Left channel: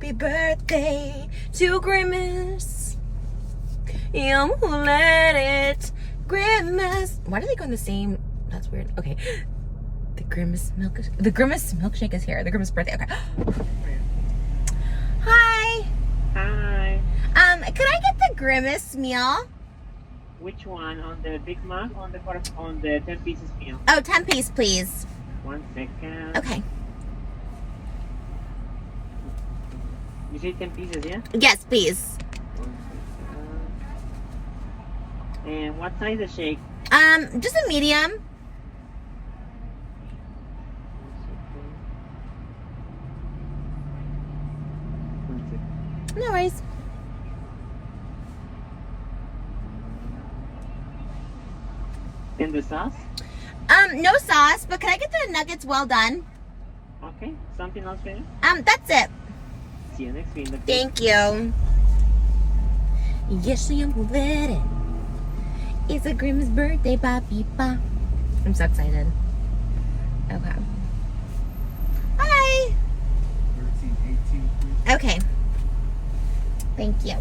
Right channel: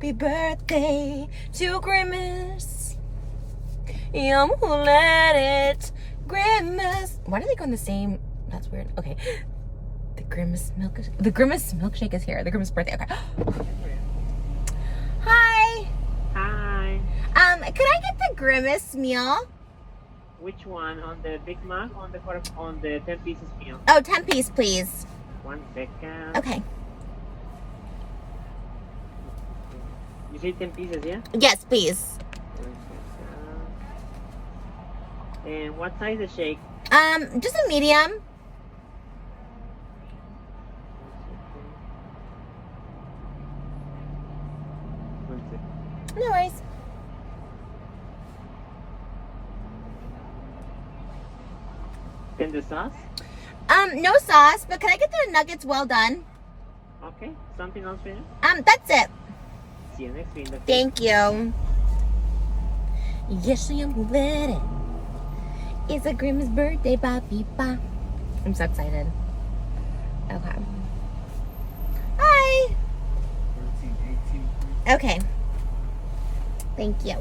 Happy birthday to Grimace. You let it, Grimace. Why do they go in the same? That's weird. Okay. The Grimace milkshake is here. The Grimace birthday. Okay. Hi. Hi. Could I get the Grimace meal? Which one? On the Big Mac or on the 10 pieces meal? Oh, 10 piece, please. 1 second. Okay. You say 10 pieces, yeah? Yes, please. 1 second. And what size the shake? Just a medium. 1 second. No worries. And the sauce? No sauce, but can I get the nuggets well done? Okay. Something else for you? That's it. See you next week. Thank you. Yes, I am ready. It's a Grimace birthday, Papi Pa. I'm so excited. Okay. Hi. Okay. Thank you.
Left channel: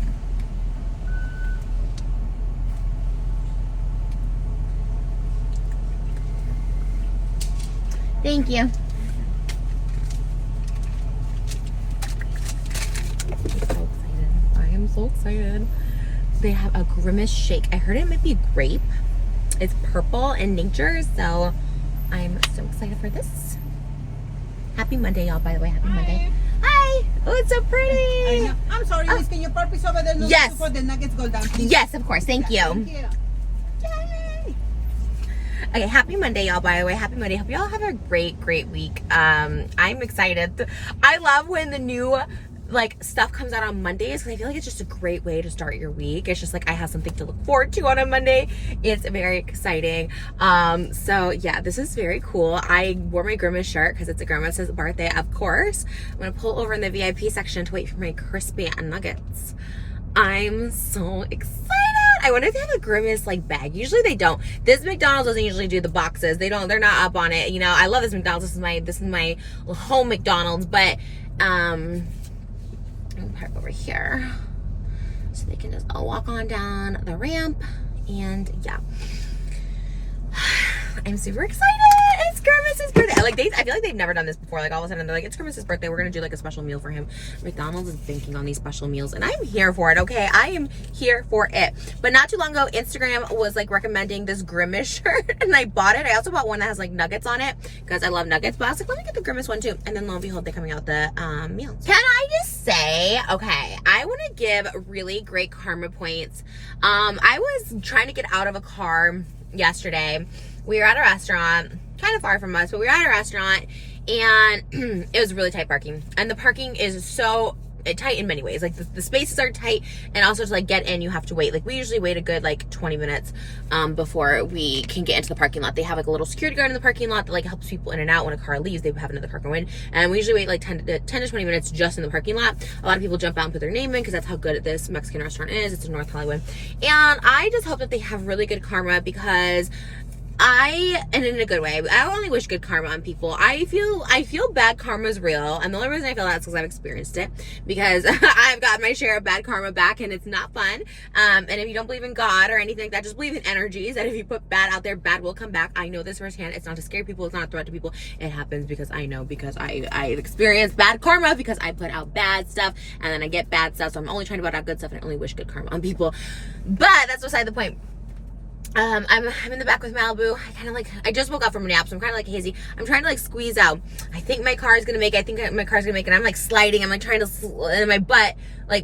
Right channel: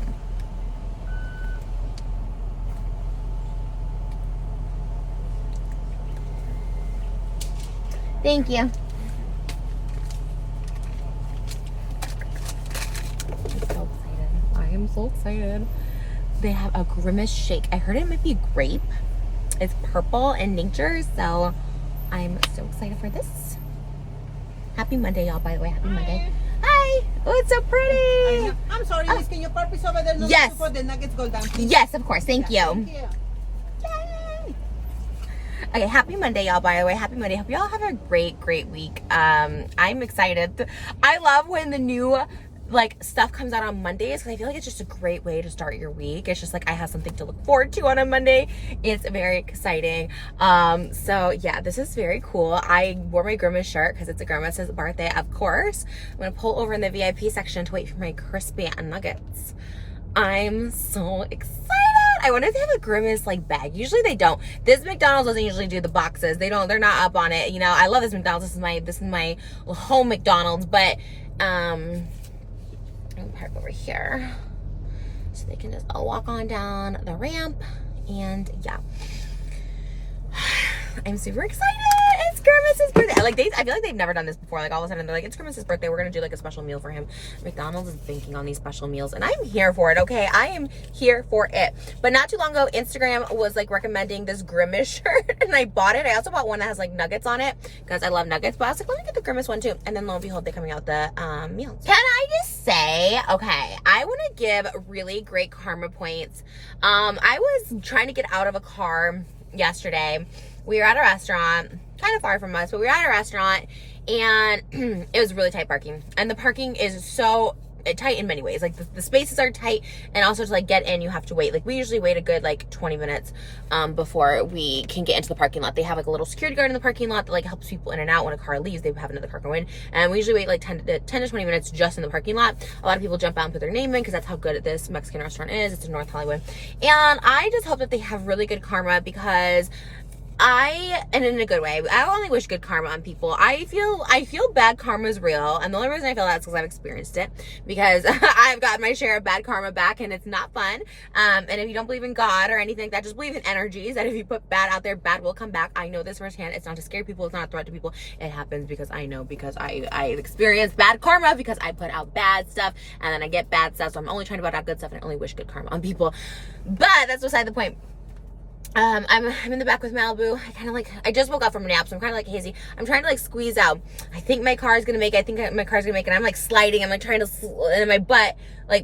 Thank you. I am so excited. They have a Grimace shake. I heard it might be grape. It's purple in nature, so I'm so excited for this. Happy Monday, y'all, by the way. Happy Monday. Hi. Oh, it's so pretty. I'm sorry, Miss. Can you park this over there? No, Yes. For the nuggets go down, please. Yes, of course. Thank you. Thank you. Yay. Okay, happy Monday, y'all, by the way. Happy Monday. Hope y'all have a great week. I'm excited. I love when the new stuff comes out on Mondays, because I feel like it's just a great way to start your week. It's just like I have something to look forward to on a Monday. It's very exciting. So yeah, this is very cool. I wore my Grimace shirt because it's a Grimace's birthday, of course. I'm gonna pull over in the VIP section to wait for my crispy nuggets. I'm so excited. I wonder if they have a Grimace bag. Usually they don't. This McDonald's doesn't usually do the boxes. They're not up on it. You know, I love this McDonald's. This is my home McDonald's, but I'm gonna park over here so they can just walk on down the ramp. And yeah, I'm super excited. It's Grimace's birthday. I feel like they've never done this before. All of a sudden they're like, it's Grimace's birthday, we're gonna do a special meal for him. McDonald's is banking on these special meals, and I'm here for it. Okay, I am here for it. But not too long ago, Instagram was recommending this Grimace shirt, and I bought it. I also bought one that has nuggets on it because I love nuggets, but I was like, let me get the Grimace one too. And then lo and behold, they're coming out with the meals. Can I just say, okay, I want to give really great karma points. I was trying to get out of a car yesterday. We were at a restaurant, kind of far from us, but we were at a restaurant, and it was really tight parking. And the parking is so tight in many ways. The spaces are tight, and also to get in, you have to wait. We usually wait a good 20 minutes before we can get into the parking lot. They have a little security guard in the parking lot that helps people in and out. When a car leaves, they have another car go in, and we usually wait 10 to 20 minutes just in the parking lot. A lot of people jump out and put their name in because that's how good this Mexican restaurant is. It's in North Hollywood, and I just hope that they have really good karma, because and in a good way, I only wish good karma on people. I feel bad karma is real, and the only reason I feel that is because I've experienced it, because I've got my share of bad karma back, and it's not fun. And if you don't believe in God or anything like that, just believe in energies, and if you put bad out there, bad will come back. I know this firsthand. It's not to scare people, it's not a threat to people. It happens because I know, because I experienced bad karma because I put out bad stuff, and then I get bad stuff. So I'm only trying to put out good stuff, and I only wish good karma on people. But that's beside the point. I'm in the back with Malibu. I just woke up from a nap, so I'm kind of hazy. I'm trying to squeeze out. I think my car is gonna make it. And I'm sliding. I'm trying to, and my butt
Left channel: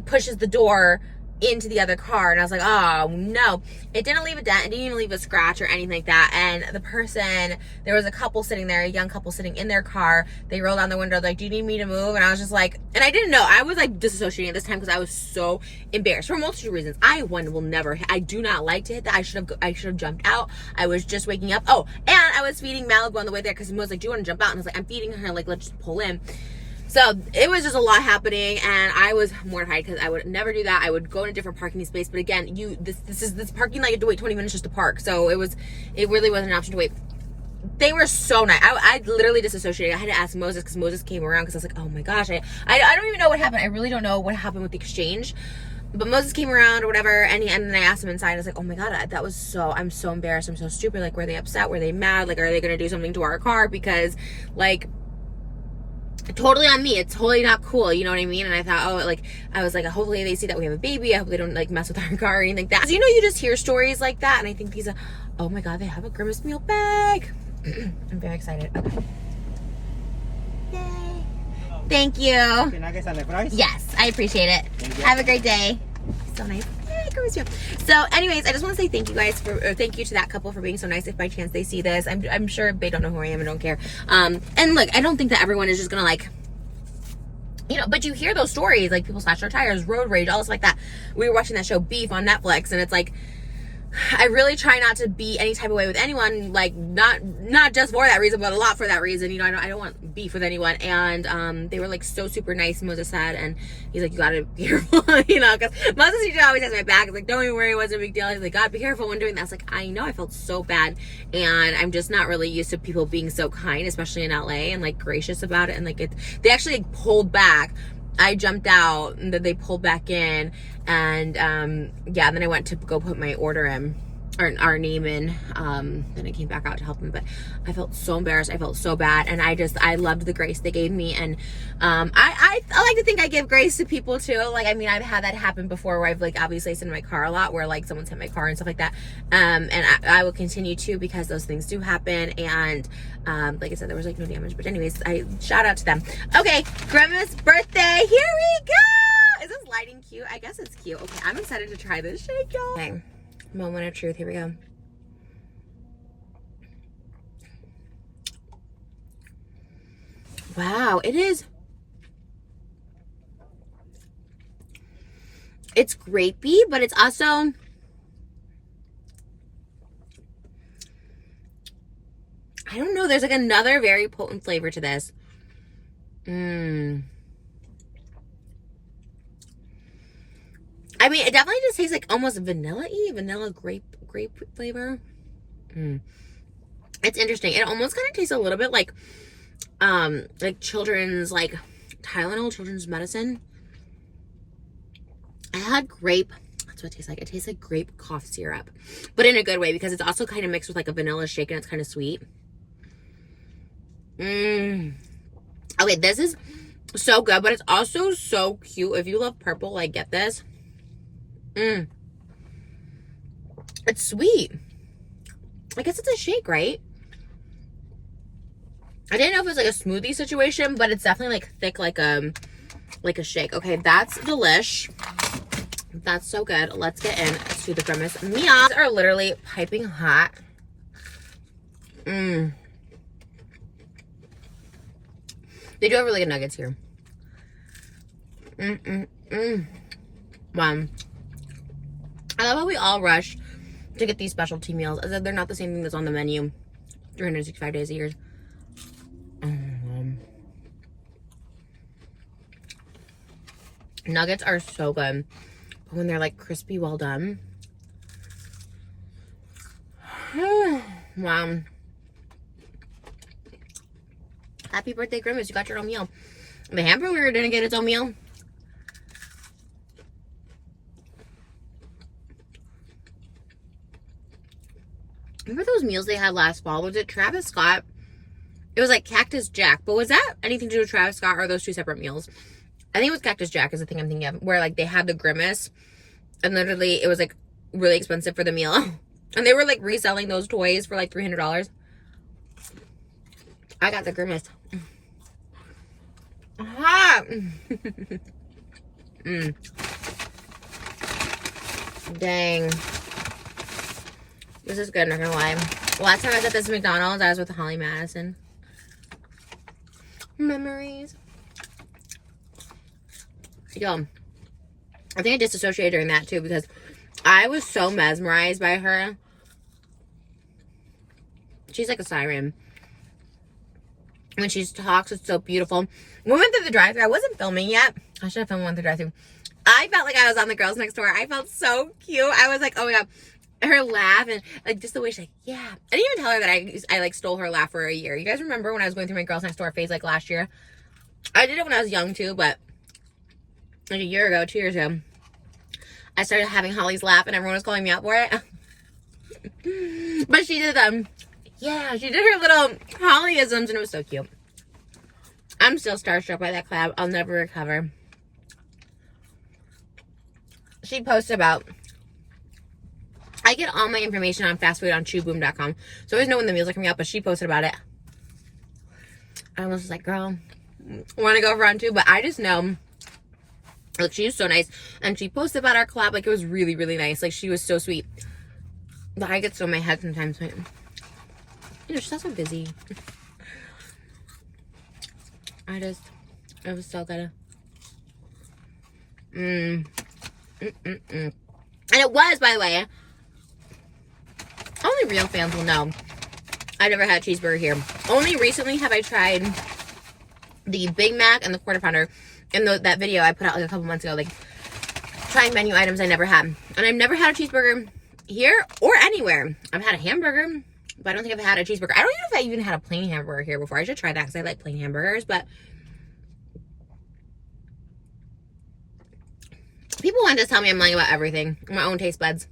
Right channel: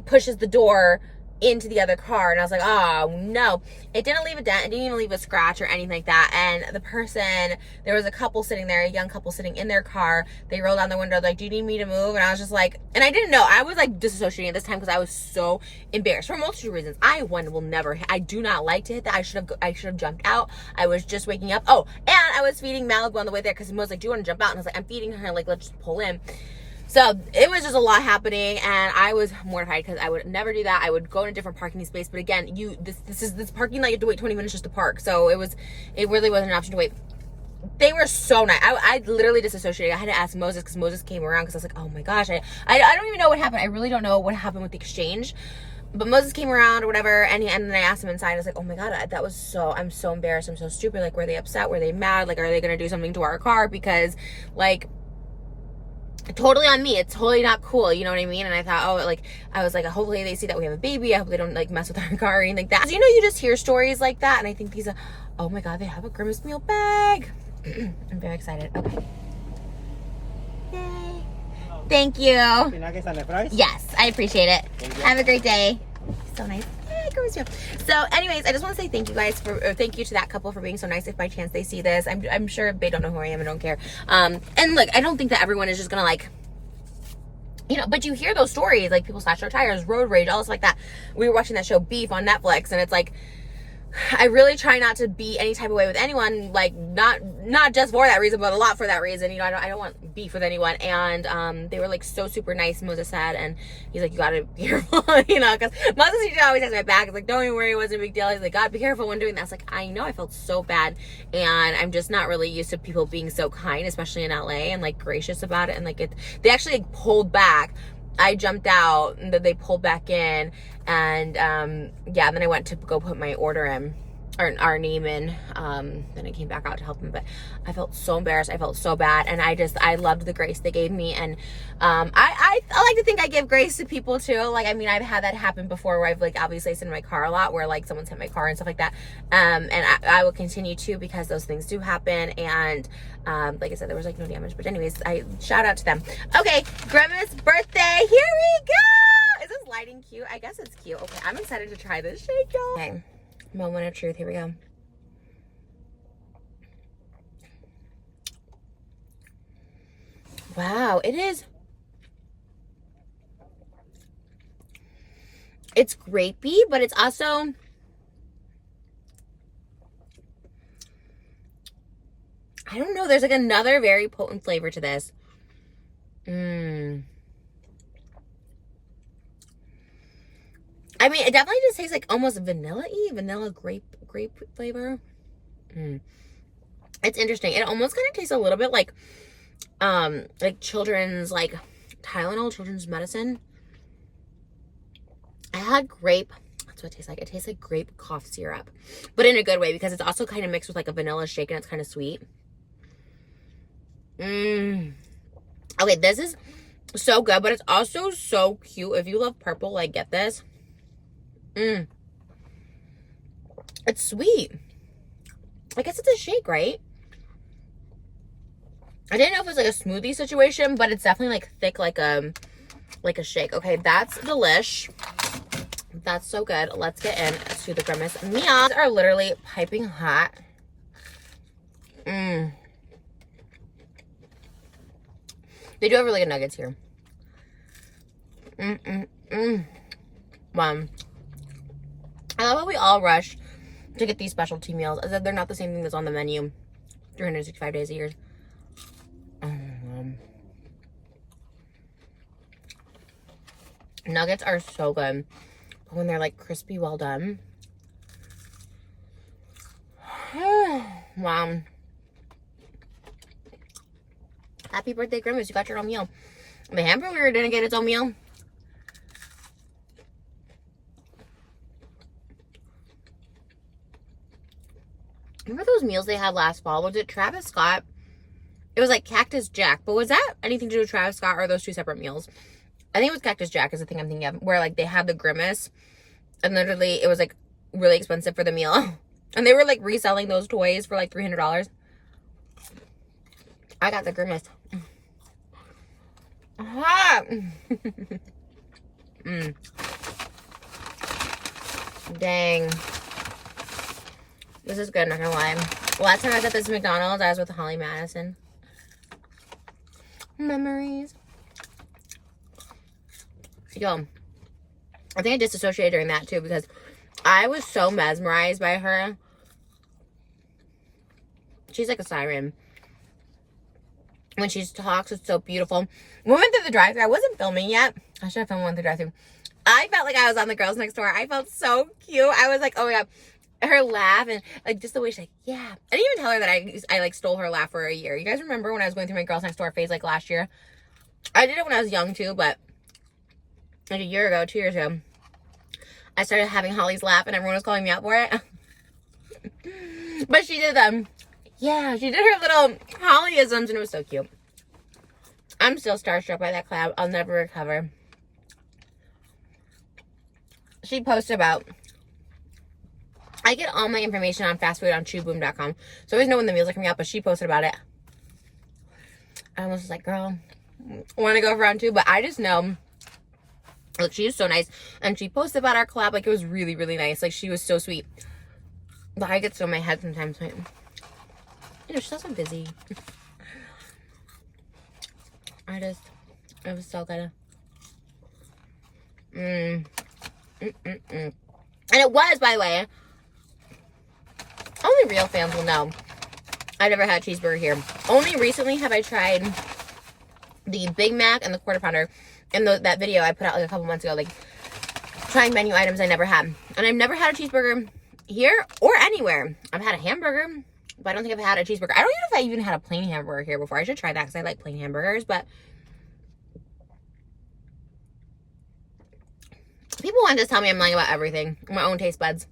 pushes the door into the other car, and I was like, oh no. It didn't leave a dent, it didn't even leave a scratch or anything like that. And the person, there was a couple sitting there, a young couple sitting in their car. They rolled down the window, do you need me to move? And I was just and I didn't know. I was disassociating this time because I was so embarrassed for a multitude of reasons. I will never hit. I do not like to hit that. I should have jumped out. I was just waking up. Oh, and I was feeding Malibu on the way there, because he was do you want to jump out? And I was I'm feeding her, let's just pull in. So it was just a lot happening, and I was mortified because I would never do that. I would go in a different parking space, but again, this parking lot, you have to wait 20 minutes just to park. So it really wasn't an option to wait. they were so nice. I literally disassociated. I had to ask Moses because Moses came around because I was like, oh my gosh, I don't even know what happened. I really don't know what happened with the exchange. But Moses came around or whatever, and then I asked him inside. I was like, oh my God, I'm so embarrassed. I'm so stupid. Like, were they upset? Were they mad? Like, are they going to do something to our car? Because, like, totally on me. It's totally not cool. You know what I mean? And I thought, I was like, hopefully they see that we have a baby. I hope they don't, like, mess with our car or anything like that. 'Cause, you know, you just hear stories like that. And I think these are, oh my God, they have a Grimace meal bag. I'm very excited. Okay. Yay. Thank you. Yes, I appreciate it. Have a great day. So nice. Yay, Grimace meal. So anyways, I just want to say thank you guys thank you to that couple for being so nice. If by chance they see this, I'm sure they don't know who I am and don't care. And look, I don't think that everyone is just gonna, like, you know, but you hear those stories, like people slash their tires, road rage, all this like that. We were watching that show Beef on Netflix, and it's like, I really try not to be any type of way with anyone, like not just for that reason, but a lot for that reason. You know, I don't want beef with anyone. And they were like so super nice, Moses said, and he's like, you gotta be careful, you know, because Moses usually always has my back. It's like, don't even worry, it wasn't a big deal. He's like, God, be careful when doing that. I was like, I know, I felt so bad, and I'm just not really used to people being so kind, especially in LA, and like gracious about it. And like they actually like pulled back. I jumped out, and then they pulled back in, and yeah, and then I went to go put my order in, or our name in, then I came back out to help them. But I felt so embarrassed, I felt so bad, and I loved the grace they gave me. And I like to think I give grace to people too. Like, I mean, I've had that happen before, where I've, like, obviously sit in my car a lot, where like someone's hit my car and stuff like that, and I will continue to, because those things do happen. And like I said, there was like no damage, but anyways, I shout out to them. Okay, Grimace's birthday, here we go. Is this lighting cute? I guess it's cute. Okay, I'm excited to try this shake, y'all. Okay, moment of truth, here we go. Wow, it's grapey, but it's also, I don't know, there's like another very potent flavor to this. I mean, it definitely just tastes like almost vanilla-y, vanilla grape flavor. It's interesting. It almost kind of tastes a little bit like children's, like Tylenol, children's medicine. I had grape. That's what it tastes like. It tastes like grape cough syrup, but in a good way, because it's also kind of mixed with like a vanilla shake, and it's kind of sweet. Okay, this is so good, but it's also so cute. If you love purple, like, get this. It's sweet. I guess it's a shake, right? I didn't know if it was like a smoothie situation, but it's definitely like thick, like a shake. Okay, that's delish. That's so good. Let's get into the Grimace meals. These are literally piping hot. They do have really good nuggets here. Wow. I love how we all rush to get these specialty meals, as if they're not the same thing that's on the menu 365 days a year. Nuggets are so good, but when they're like crispy, well done. Wow. Happy birthday, Grimace. You got your own meal. The hamburger didn't get its own meal. Remember those meals they had last fall? Was it Travis Scott? It was like Cactus Jack. But was that anything to do with Travis Scott, or are those two separate meals? I think it was Cactus Jack is the thing I'm thinking of, where like they had the Grimace, and literally it was like really expensive for the meal. And they were like reselling those toys for like $300. I got the Grimace. Dang. This is good, not gonna lie. Last time I was at this McDonald's, I was with Holly Madison. Memories. Yo, I think I disassociated during that too, because I was so mesmerized by her. She's like a siren. When she talks, it's so beautiful. We went through the drive-thru. I wasn't filming yet. I should have filmed one through the drive-thru. I felt like I was on the Girls Next Door. I felt so cute. I was like, oh my God. her laugh and like just the way she's like, yeah. I didn't even tell her that I like stole her laugh for a year. You guys remember when I was going through my Girls Next Door phase like last year? I did it when I was young too, but like a year ago, 2 years ago, I started having Holly's laugh and everyone was calling me out for it. But she did yeah, she did her little Hollyisms and it was so cute. I'm still starstruck by that collab. I'll never recover. She posted about, I get all my information on fast food on chewboom.com. So I always know when the meals are coming out, but she posted about it. I was just like, girl, I want to go for round 2, but I just know, like, she was so nice. And she posted about our collab, like, it was really, really nice. Like, she was so sweet. But I get so in my head sometimes. Like, you know, she's also busy. It was so good. And it was, by the way, only real fans will know I've never had a cheeseburger here. Only recently have I tried the Big Mac and the Quarter Pounder in that video I put out like a couple months ago, like trying menu items I never had. And I've never had a cheeseburger here or anywhere. I've had a hamburger, but I don't think I've had a cheeseburger. I don't even know if I even had a plain hamburger here before. I should try that because I like plain hamburgers, but people want to tell me I'm lying about everything. My own taste buds.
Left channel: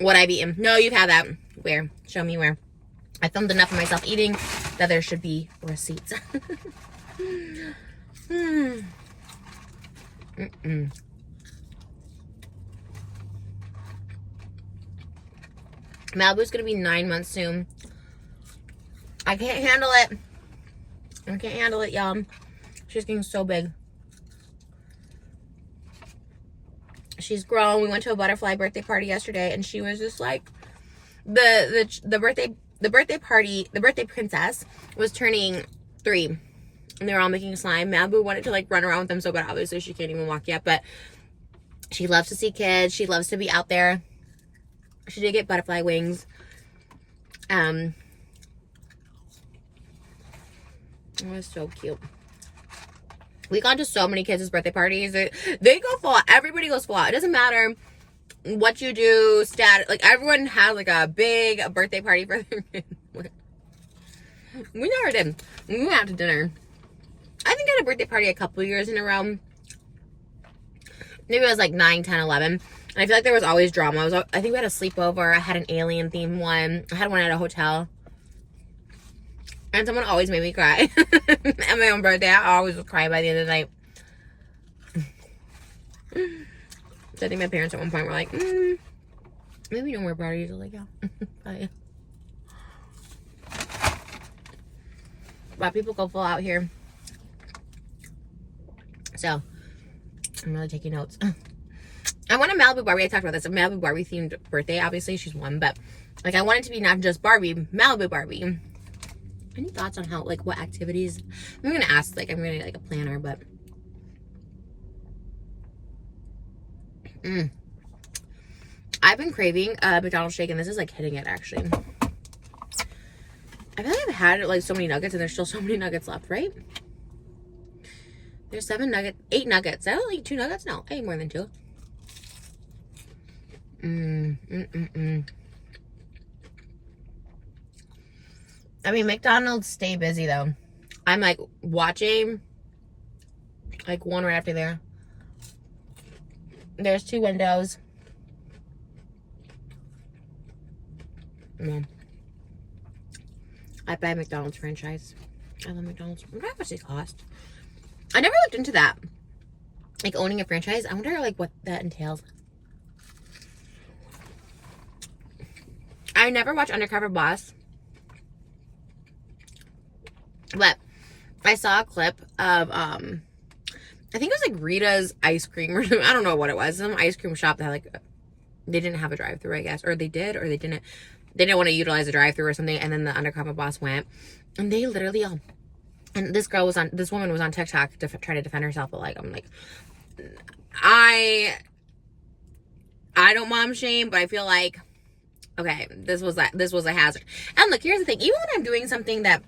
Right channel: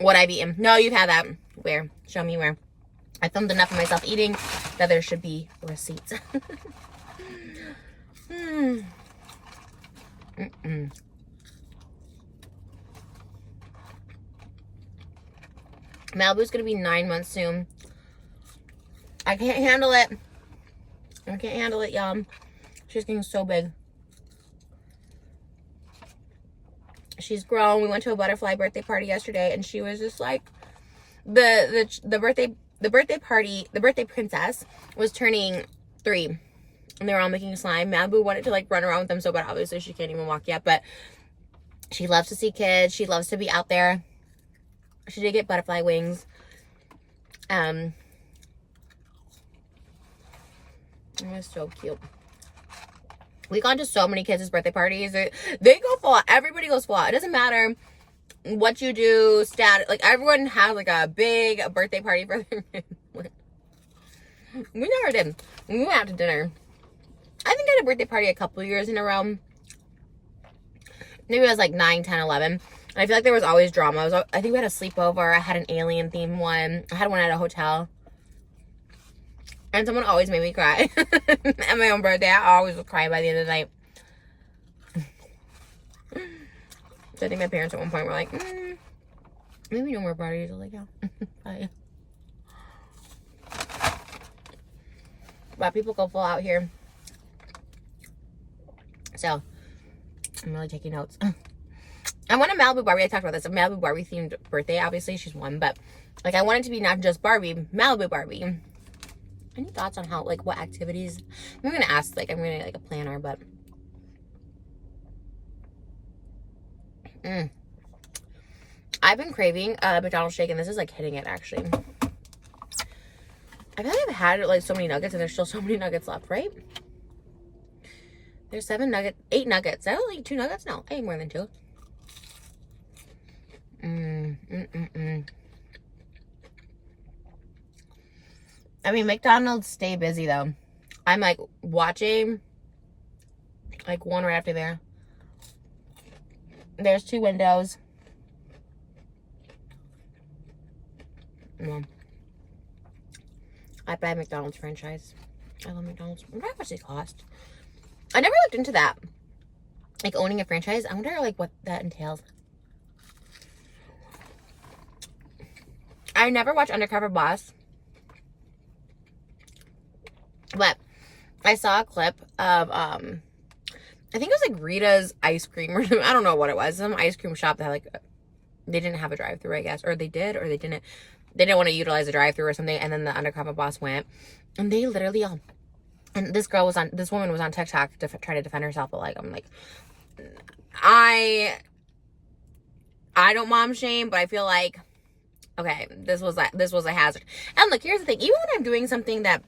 What I've eaten. No, you've had that. Where? Show me where. I filmed enough of myself eating that there should be receipts. Malibu's gonna be 9 months soon. I can't handle it. I can't handle it, y'all. She's getting so big. She's grown. We went to a butterfly birthday party yesterday, and she was just like, the birthday princess was turning 3, and they were all making slime. Malibu wanted to like run around with them so bad. Obviously, she can't even walk yet, but she loves to see kids. She loves to be out there. She did get butterfly wings. It was so cute. We gone to so many kids' birthday parties. They go full out. Everybody goes full out. It doesn't matter what you do, like everyone has like a big birthday party for their kids. We never did. We went out to dinner. I think I had a birthday party a couple years in a row. Maybe it was like 9, 10, 11. And I feel like there was always drama. I think we had a sleepover. I had an alien themed one. I had one at a hotel. And someone always made me cry. At my own birthday, I always would cry by the end of the night. So I think my parents at one point were like, maybe no more parties. I was like, yeah. Bye. But people go full out here. So, I'm really taking notes. I want a Malibu Barbie. I talked about this. A Malibu Barbie themed birthday. Obviously, she's one. But, like, I want it to be not just Barbie, Malibu Barbie. Any thoughts on how, like, what activities? I'm going to ask, like, I'm going to get, like, a planner, but. I've been craving McDonald's shake, and this is, like, hitting it, actually. I feel like I've had, like, so many nuggets, and there's still so many nuggets left, right? There's 8 nuggets. Did I only eat 2 nuggets? No, I ate more than 2. I mean, McDonald's stay busy, though. I'm, like, watching, like, one right after there. There's 2 windows. I'd buy a McDonald's franchise. I love McDonald's. I wonder how much they cost. I never looked into that. Like, owning a franchise. I wonder, like, what that entails. I never watched Undercover Boss. But I saw a clip of, I think it was, like, Rita's ice cream. I don't know what it was. Some ice cream shop that, like, they didn't have a drive-thru, I guess. Or they did, or they didn't. They didn't want to utilize a drive-thru or something. And then the Undercover Boss went. And they literally, and this woman was on TikTok trying to defend herself. But, like, I'm like, I don't mom shame, but I feel like, okay, this was a hazard. And look, here's the thing. Even when I'm doing something that,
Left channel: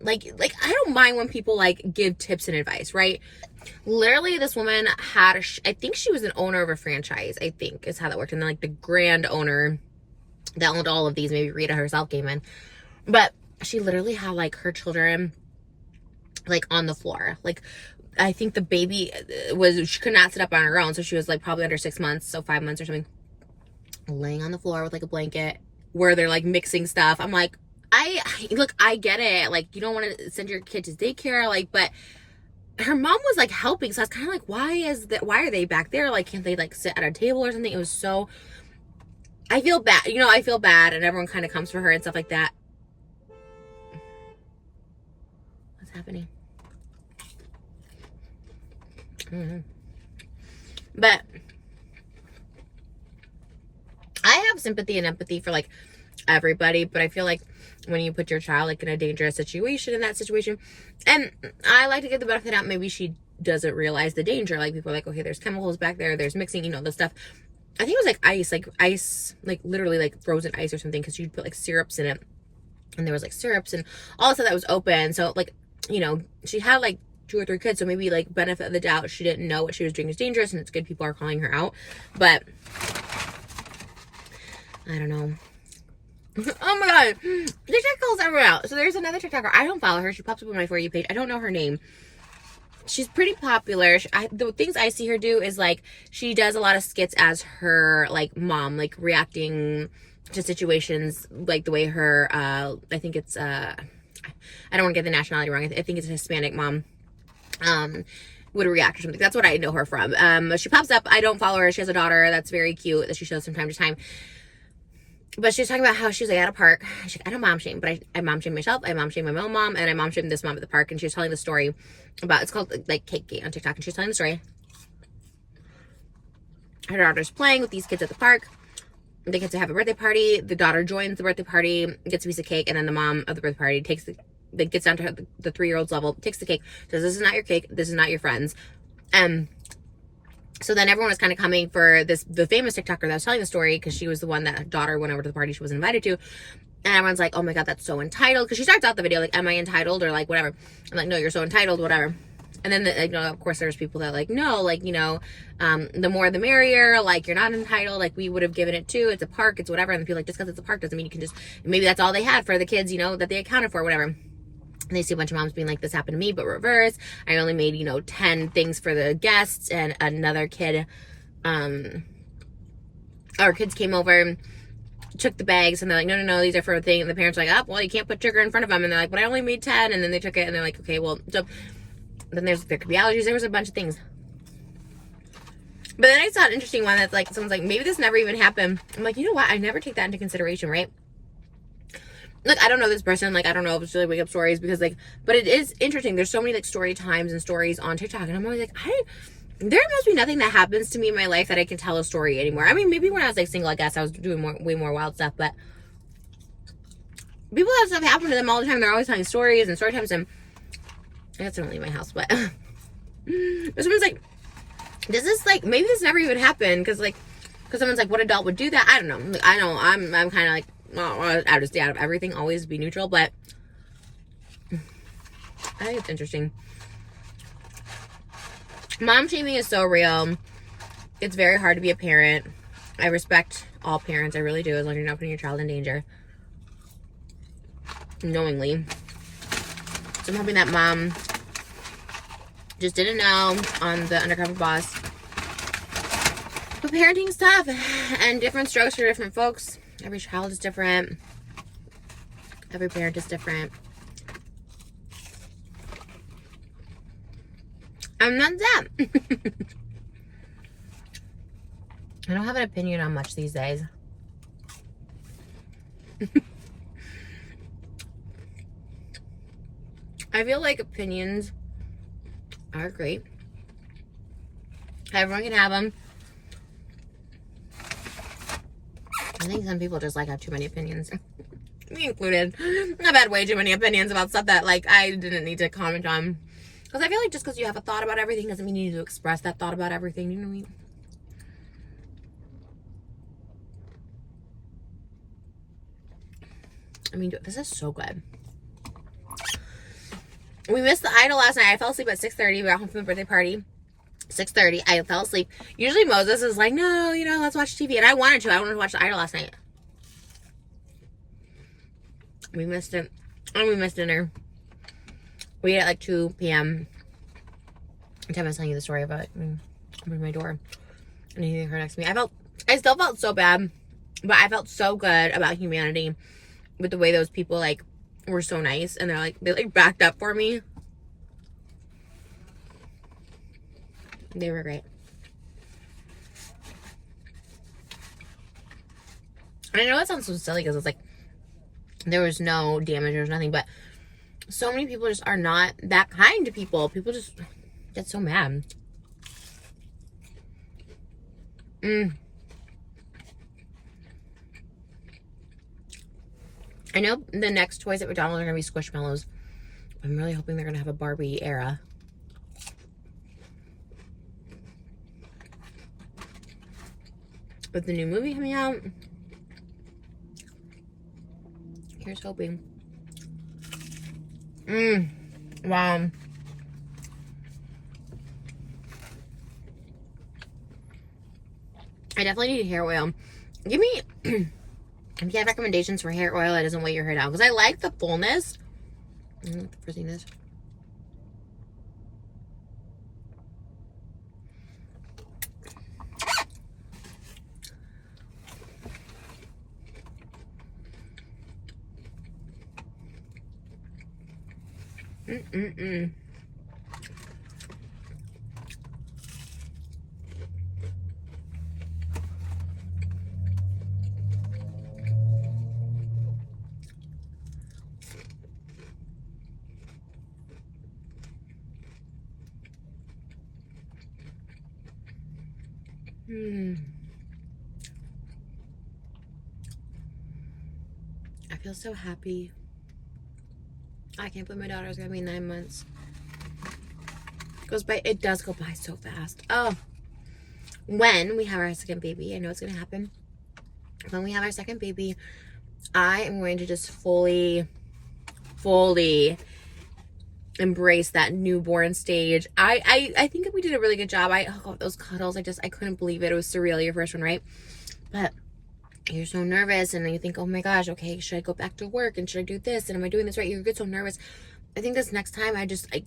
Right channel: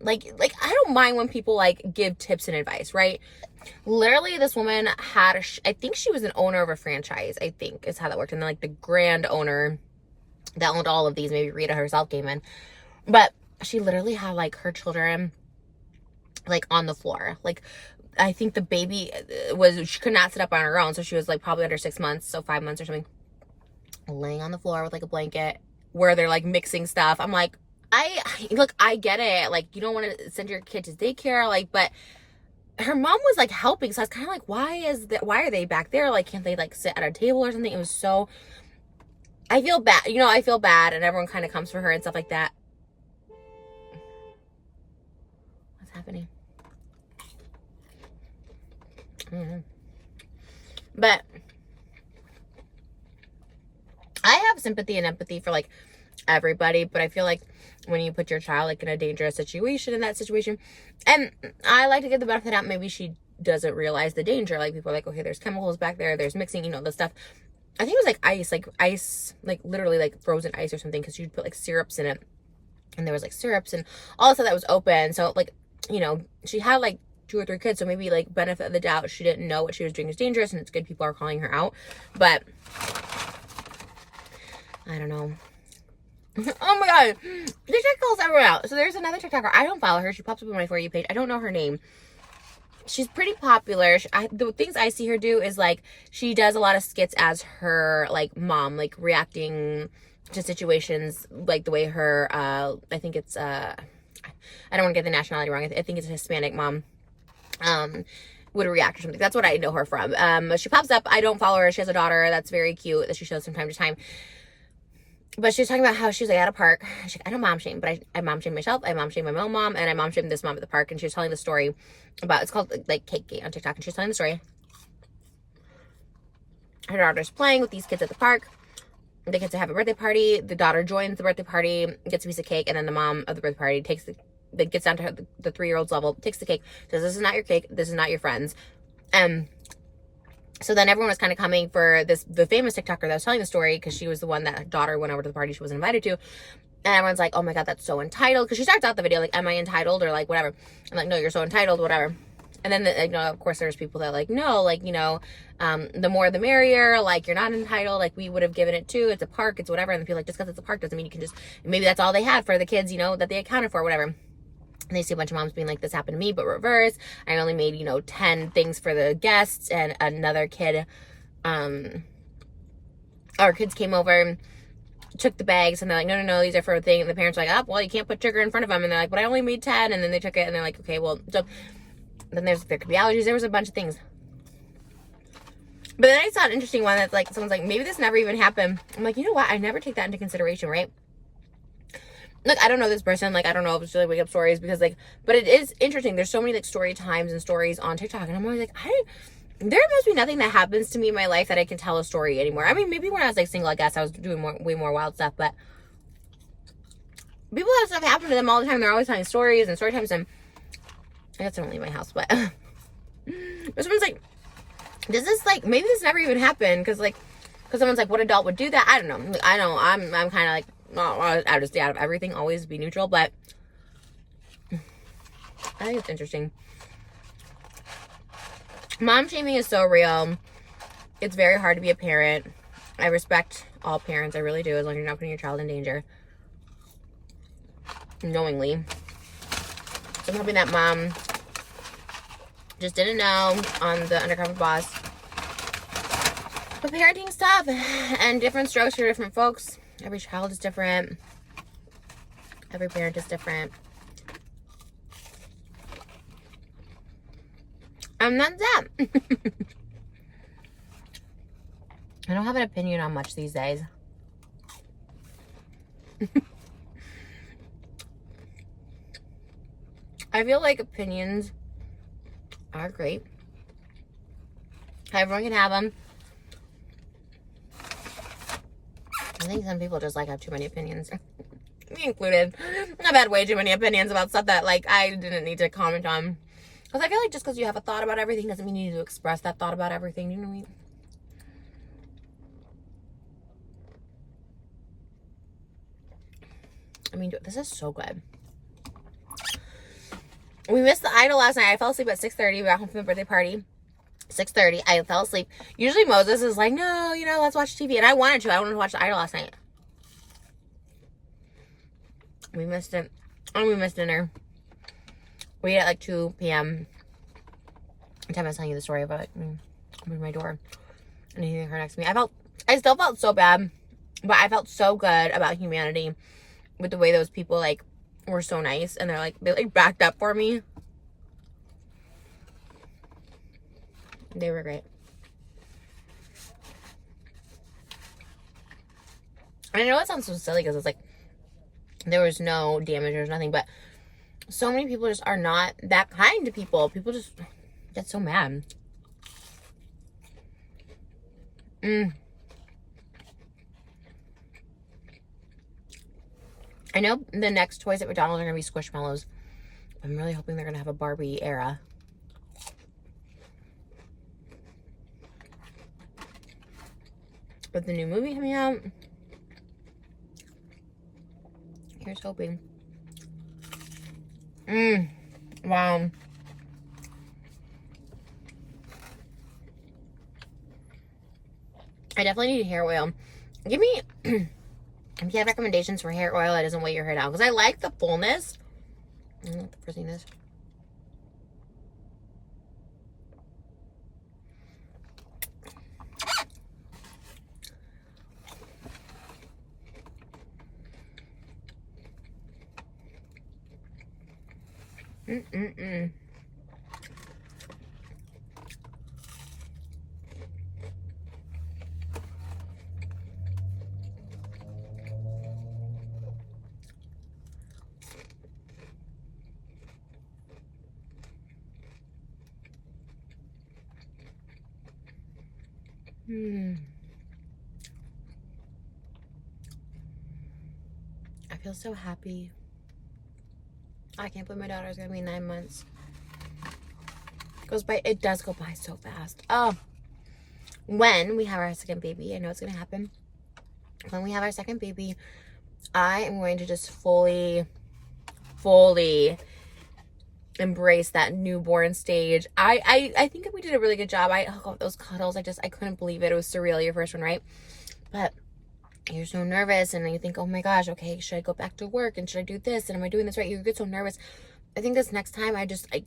like I don't mind when people, like, give tips and advice, right? Literally, this woman had, I think she was an owner of a franchise, I think is how that worked. And then like the grand owner that owned all of these, maybe Rita herself came in. But she literally had like her children like on the floor. Like, I think the baby she could not sit up on her own. So she was like probably under 6 months, so 5 months or something, laying on the floor with like a blanket where they're like mixing stuff. I'm like, I get it. Like, you don't want to send your kid to daycare, like, but her mom was like helping. So I was kind of like, why are they back there? Like, can't they like sit at a table or something? It was so, I feel bad. I feel bad, and everyone kind of comes for her and stuff like that. What's happening? But I have sympathy and empathy for like everybody, but I feel like when you put your child like in a dangerous situation, in that situation, and I like to get the benefit out, maybe she doesn't realize the danger. Like, people are like, okay, there's chemicals back there, there's mixing, the stuff. I think it was like ice, like literally like frozen ice or something, because you'd put like syrups in it, and there was like syrups and all the stuff that was open. So like, she had like 2 or 3 kids, so maybe like benefit of the doubt, she didn't know what she was doing is dangerous, and it's good people are calling her out. But I don't know. Oh my god, TikTok calls everyone out. So there's another TikToker, I don't follow her, she pops up on my For You page, I don't know her name. She's pretty popular. The things I see her do is like, she does a lot of skits as her like mom, like reacting to situations, like the way her I think it's I don't want to get the nationality wrong, I think it's a Hispanic mom would react or something. That's what I know her from. She pops up, I don't follow her. She has a daughter that's very cute that she shows from time to time. But she was talking about how she was like at a park. She's like, I don't mom shame, but I mom shame myself. I mom shame my own mom, and I mom shame this mom at the park. And she was telling the story about, it's called like Cake Gate on TikTok. And she was telling the story. Her daughter's playing with these kids at the park. The kids have a birthday party. The daughter joins the birthday party, gets a piece of cake, and then the mom of the birthday party gets down to her, the 3-year-old's level, takes the cake, says, this is not your cake, this is not your friends. So then everyone was kind of coming for the famous TikToker that was telling the story, because she was the one that her daughter went over to the party she was invited to. And everyone's like, oh my god, that's so entitled. Because she starts out the video like, am I entitled? Or like, whatever. I'm like, no, you're so entitled, whatever. And then, of course, there's people that are like, no, like, the more the merrier. Like, you're not entitled. Like, we would have given it to. It's a park. It's whatever. And the people like, just because it's a park doesn't mean you can just, maybe that's all they had for the kids, that they accounted for, whatever. And they see a bunch of moms being like, this happened to me, but reverse. I only made, 10 things for the guests. And another kid, our kids came over, took the bags, and they're like, no, these are for a thing. And the parents are like, oh, well, you can't put sugar in front of them. And they're like, but I only made 10. And then they took it, and they're like, okay, well, so then there could be allergies. There was a bunch of things. But then I saw an interesting one that's like, someone's like, maybe this never even happened. I'm like, you know what? I never take that into consideration, right? Look, I don't know this person. Like, I don't know if it's really wake up stories, because like, but it is interesting. There's so many like story times and stories on TikTok, and I'm always like, there must be nothing that happens to me in my life that I can tell a story anymore. I mean, maybe when I was like single, I guess I was doing way more wild stuff, but people have stuff happen to them all the time. They're always telling stories and story times, and I guess I don't leave my house, but someone's like, does this like, maybe this never even happened, because someone's like, what adult would do that? I don't know. I'm kind of like, I would just stay out of everything, always be neutral, but I think it's interesting. Mom shaming is so real. It's very hard to be a parent. I respect all parents, I really do, as long as you're not putting your child in danger knowingly. So I'm hoping that mom just didn't know on the Undercover Boss. But parenting stuff and different strokes for different folks. Every child is different. Every parent is different. And that's that. I don't have an opinion on much these days. I feel like opinions are great. Everyone can have them. I think some people just like have too many opinions. Me included. I've had way too many opinions about stuff that like I didn't need to comment on. Because I feel like just because you have a thought about everything doesn't mean you need to express that thought about everything. You know what I mean? This is so good. We missed the Idol last night. I fell asleep at 6:30. We got home from the birthday party. 6:30. I fell asleep. Usually Moses is like, no, let's watch TV. And I wanted to. I wanted to watch the Idol last night. We missed it. And we missed dinner. We ate at like 2 p.m. The time I was telling you the story about opening my door and hitting her next to me. I still felt so bad, but I felt so good about humanity with the way those people like were so nice, and they backed up for me. They were great. I know it sounds so silly because it's like there was no damage, there was nothing, but so many people just are not that kind to people. People just get so mad. I know the next toys at McDonald's are going to be Squishmallows. I'm really hoping they're going to have a Barbie era. With the new movie coming out, here's hoping. Wow. I definitely need hair oil. Give me, if you have recommendations for hair oil that doesn't weigh your hair down, because I like the fullness. I don't know what the first thing is. I feel so happy. I can't believe my daughter's gonna be 9 months. It does go by so fast. Oh, when we have our second baby, I know it's gonna happen. When we have our second baby, I am going to just fully embrace that newborn stage. I think we did a really good job. Those cuddles, I couldn't believe it. It was surreal, your first one, right? But you're so nervous, and then you think, oh my gosh, okay, should I go back to work, and should I do this, and am I doing this right? You get so nervous. I think this next time,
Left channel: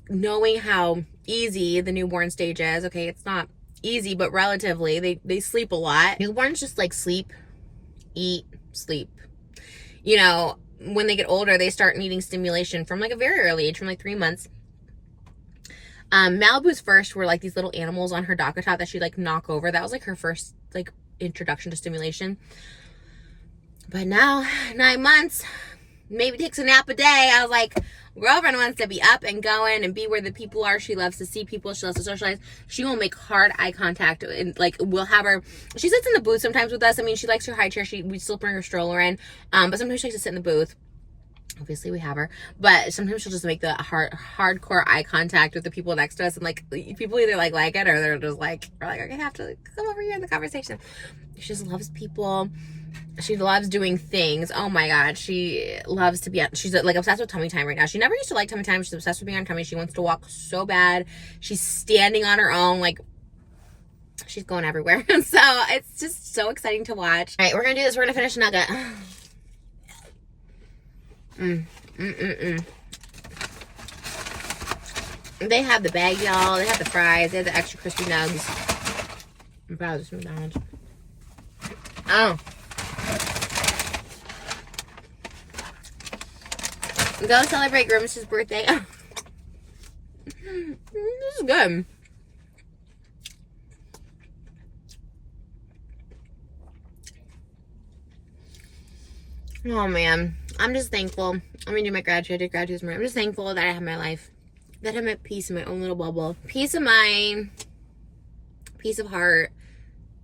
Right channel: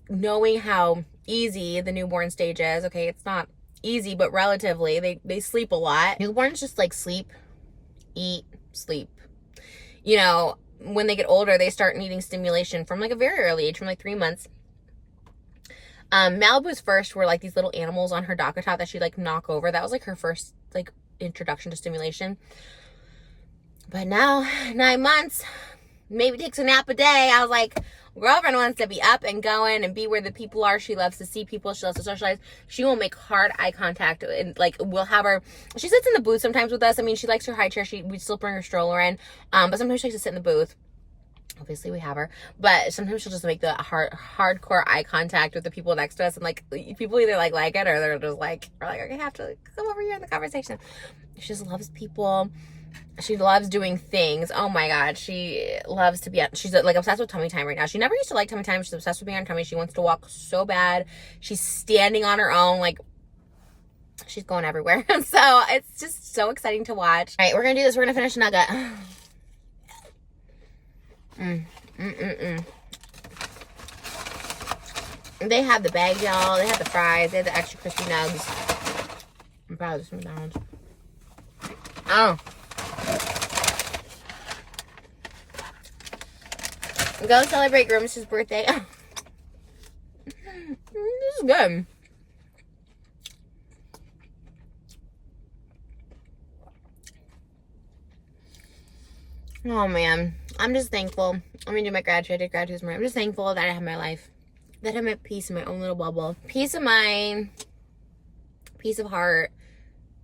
knowing how easy the newborn stage is, okay, it's not easy, but relatively, they sleep a lot. Newborns just sleep, eat, sleep. When they get older, they start needing stimulation from a very early age, from 3 months. Malibu's first were these little animals on her docker top that she'd knock over. That was her first introduction to stimulation. But now, 9 months, maybe takes a nap a day. I was like, girlfriend wants to be up and going and be where the people are. She loves to see people. She loves to socialize. She will make hard eye contact, and we'll have her. She sits in the booth sometimes with us. I mean, she likes her high chair. We still bring her stroller in, but sometimes she likes to sit in the booth. Obviously, we have her, but sometimes she'll just make the hardcore eye contact with the people next to us, and people either like it, or they're just we're I have to come over here in the conversation. She just loves people. She loves doing things. Oh my god, she loves to be. She's obsessed with tummy time right now. She never used to like tummy time. She's obsessed with being on tummy. She wants to walk so bad. She's standing on her own. She's going everywhere. So it's just so exciting to watch. All right, we're gonna do this. We're gonna finish nugget. They have the bag, y'all. They have the fries. They have the extra crispy nugs. I'm proud of this McDonald's. Oh. Go celebrate Grimace's birthday. This is good. Oh man, I'm just thankful. I'm gonna do my gratitude. I did gratitude this morning. I'm just thankful that I have my life, that I'm at peace in my own little bubble. Peace of mind, peace of heart,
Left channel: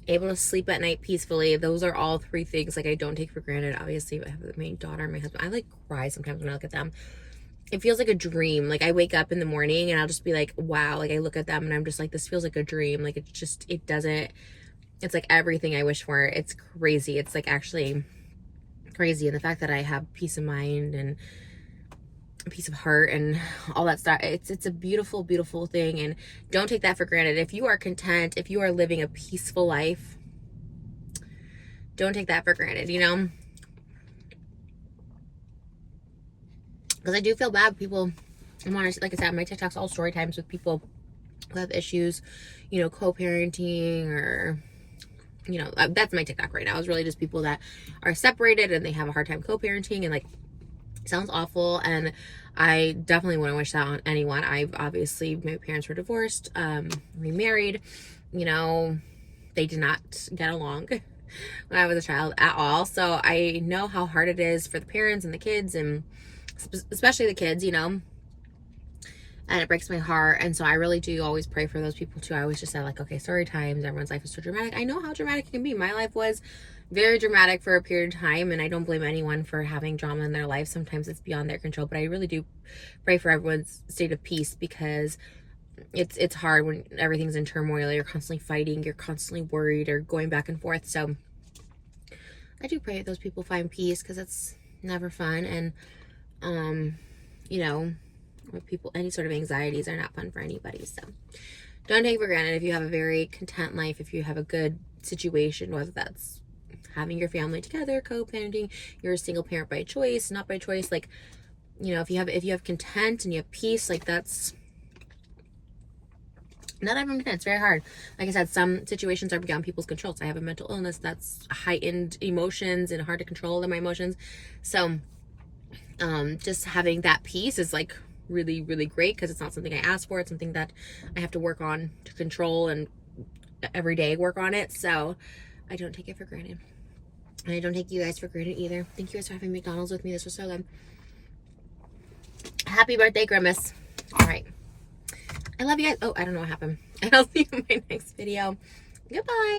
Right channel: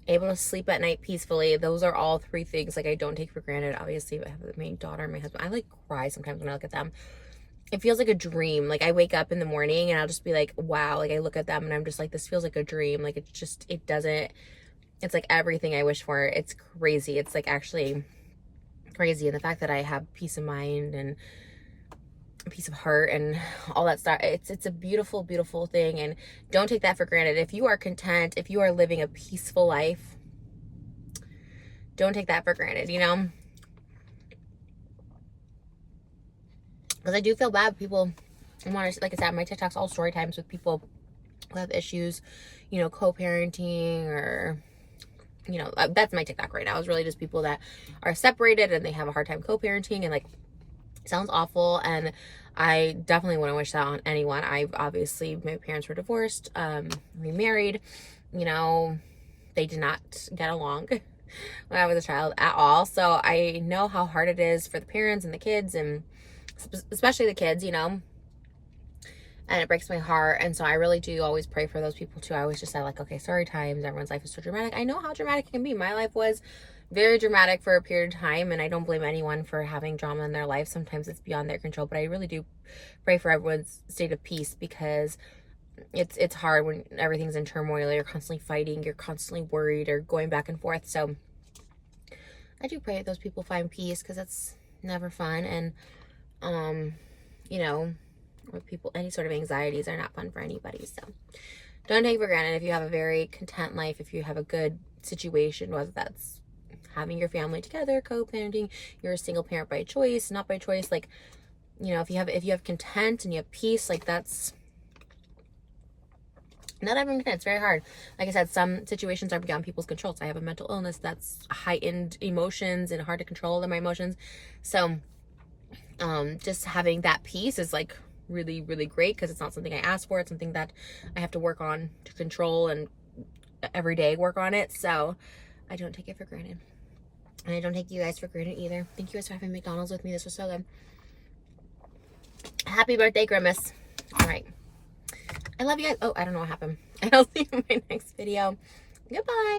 able to sleep at night peacefully. Those are all three things I don't take for granted. Obviously, I have my daughter and my husband. I cry sometimes when I look at them. It feels like a dream. I wake up in the morning and I'll just be wow. I look at them and I'm just this feels like a dream. It doesn't. It's everything I wish for. It's crazy. It's actually crazy. And the fact that I have peace of mind and peace of heart and all that stuff. It's a beautiful, beautiful thing, and don't take that for granted. If you are content, if you are living a peaceful life, don't take that for granted, you know? Because I do feel bad people, like I said, my TikTok's all story times with people who have issues, you know, co-parenting, or, you know, that's my TikTok right now. It's really just people that are separated and they have a hard time co-parenting, and like, it sounds awful, and I definitely wouldn't wish that on anyone. Obviously, my parents were divorced, remarried, you know, they did not get along when I was a child at all. So I know how hard it is for the parents and the kids, and especially the kids, you know, and it breaks my heart. And so I really do always pray for those people too. I always just say like, okay, story times, everyone's life is so dramatic. I know how dramatic it can be. My life was very dramatic for a period of time, and I don't blame anyone for having drama in their life. Sometimes it's beyond their control, but I really do pray for everyone's state of peace, because it's hard when everything's in turmoil. You're constantly fighting, you're constantly worried, or going back and forth. So I do pray that those people find peace, because it's never fun. And you know, with people, any sort of anxieties are not fun for anybody. So don't take for granted if you have a very content life, if you have a good situation, whether that's having your family together, co-parenting, you're a single parent by choice, not by choice. Like, you know, if you have content and you have peace, like, that's not everyone can. It's very hard. Like I said, some situations are beyond people's control. So I have a mental illness that's heightened emotions and hard to control my emotions. So just having that peace is like really, really great, because it's not something I asked for. It's something that I have to work on to control, and every day work on it. So I don't take it for granted. And I don't take you guys for granted either. Thank you guys for having McDonald's with me. This was so good. Happy birthday, Grimace. All right. I love you guys. Oh, I don't know what happened. I'll see you in my next video. Goodbye.